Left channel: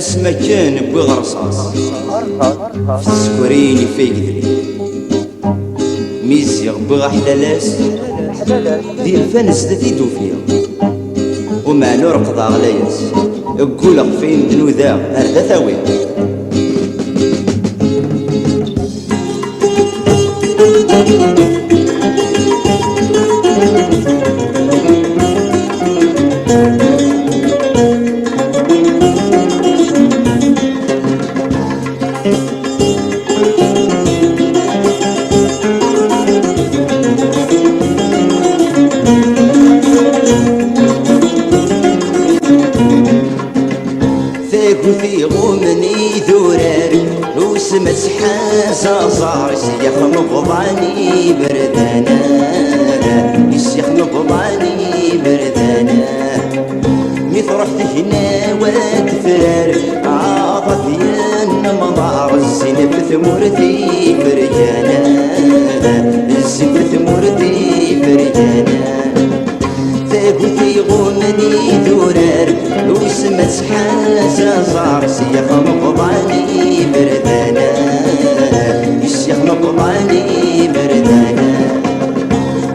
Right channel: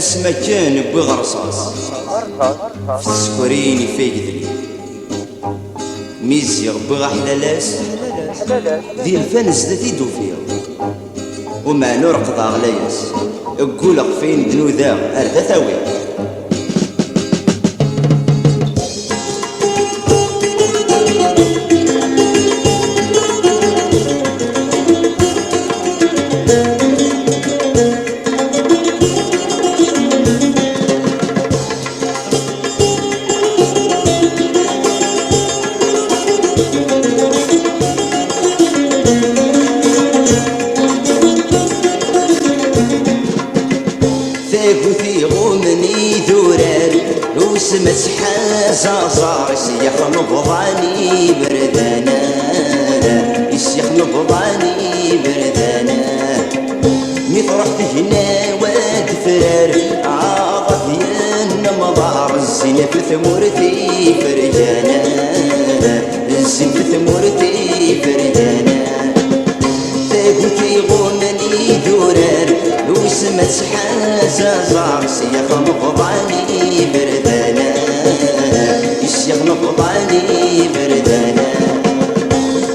اسما كان بغرصاص في السكرين يفيقدلي ميزيغ بغا حلالاس ذي الفانس ذا ثيدو فيها ومع نور قضا غلاياس اقول فين بنو ذا اردا ثاوي ثاقوثي غومني ذورار وسمت حازا زار يسيخ نبضاني بردانا يسيخ نبضاني بردانا ميطرحت هنا وتفرار عاضت ين مضار الزين في ثمورتي فرجانا الزين في ثمورتي فرجانا ثاقوثي غومني ذورار وسمت حازا زار سيخ نبضاني بردانا يسيخ نبضاني بردانا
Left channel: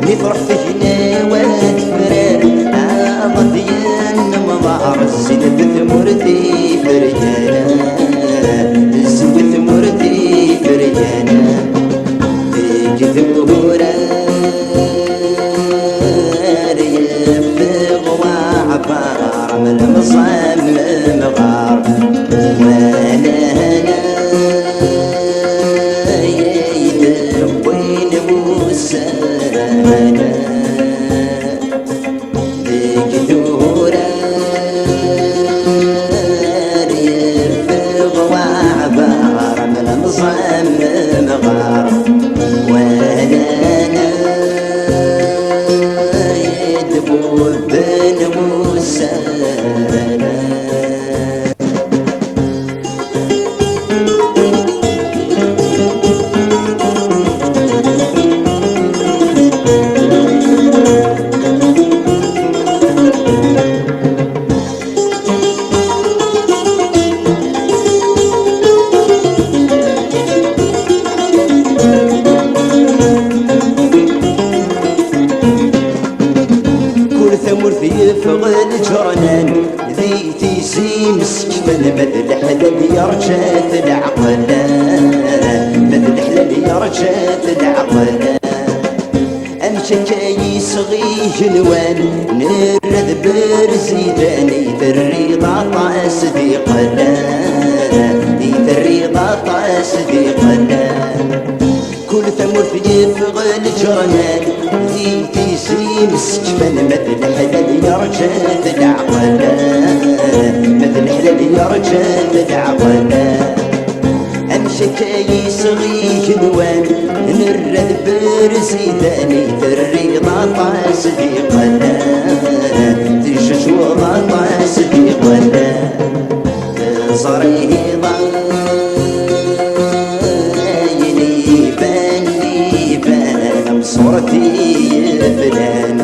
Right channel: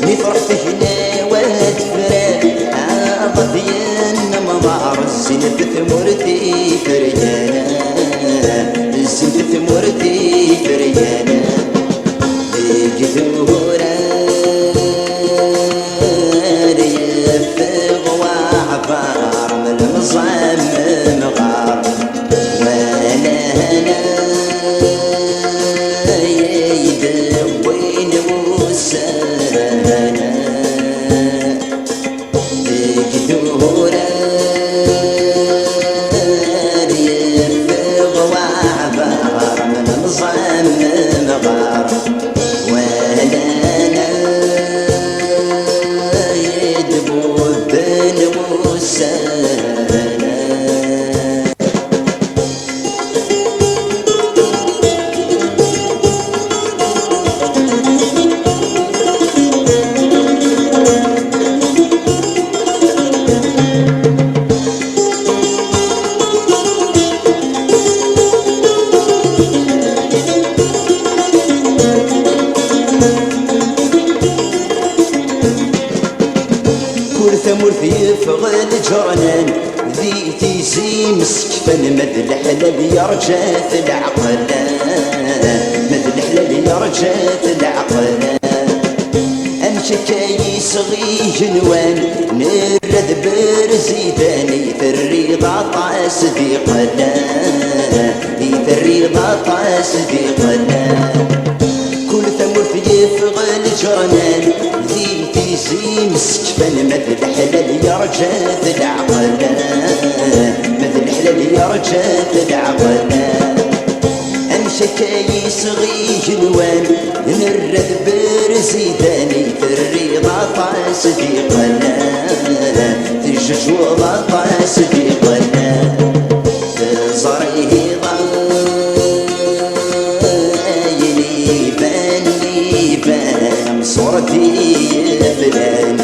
ميطرحت هنا وتفرار عاضت ين مضار الزين في ثمورتي فرجانا الزين في ثمورتي فرجانا بجذورا عبار من المصمم غار وانا هنا يدوين وسانا بجذورا يرفض وعبار من المصمم غار وانا بن وسانا ثمرثي يفغل جرنان ذي تيزي مسكفا مذ الحلال يرجات العقلان مذ الحلال يرجات العقلان أمشكاي صغي جنوان نرد برزيداني الرضا طاس ذي قلان الرضا طاس ذي قلان كل ثمرث يفغل جرنان ذي تيزي مسكفا مثل الحلال يرجات العقلان مثل الحلال يرجات العقلان أمشكاي صغي جنوان نرد برزيداني الرضا طاس ذي قلان تجج وضا طاس ذي قلان تزريه صورتي يفلان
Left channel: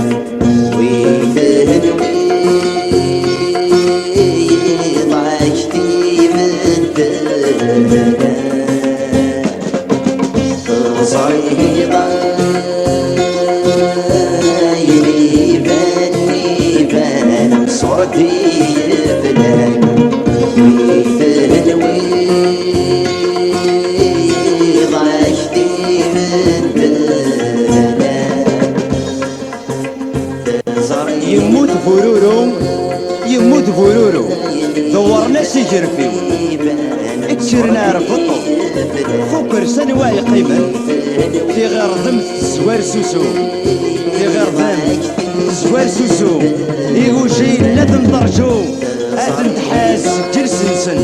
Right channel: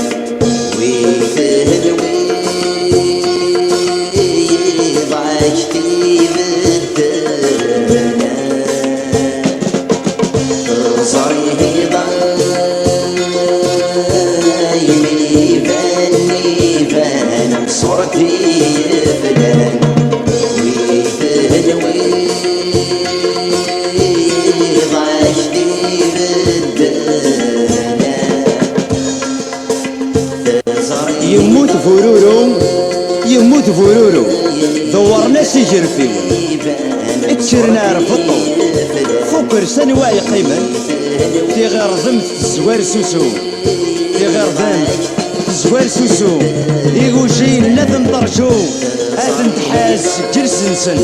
ويتهدوي ضايشتي بالدنا صريه ضايني باني صورتي يفلان ويتهدوي ضايشتي بالدنا يموت فورورو يموت فورورو دورنا سجر فيو اكسرنا رفضو فكر سنواي قيمة في غير ضمت الزوار سوسو في غير ضمت الزوار سوسو يغوشي لازم درجو اتن تحاس جرسنسن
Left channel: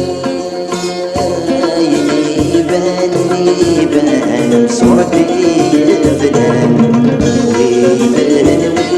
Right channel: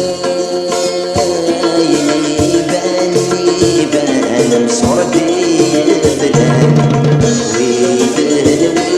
بان صورتي فلان ويتهنوي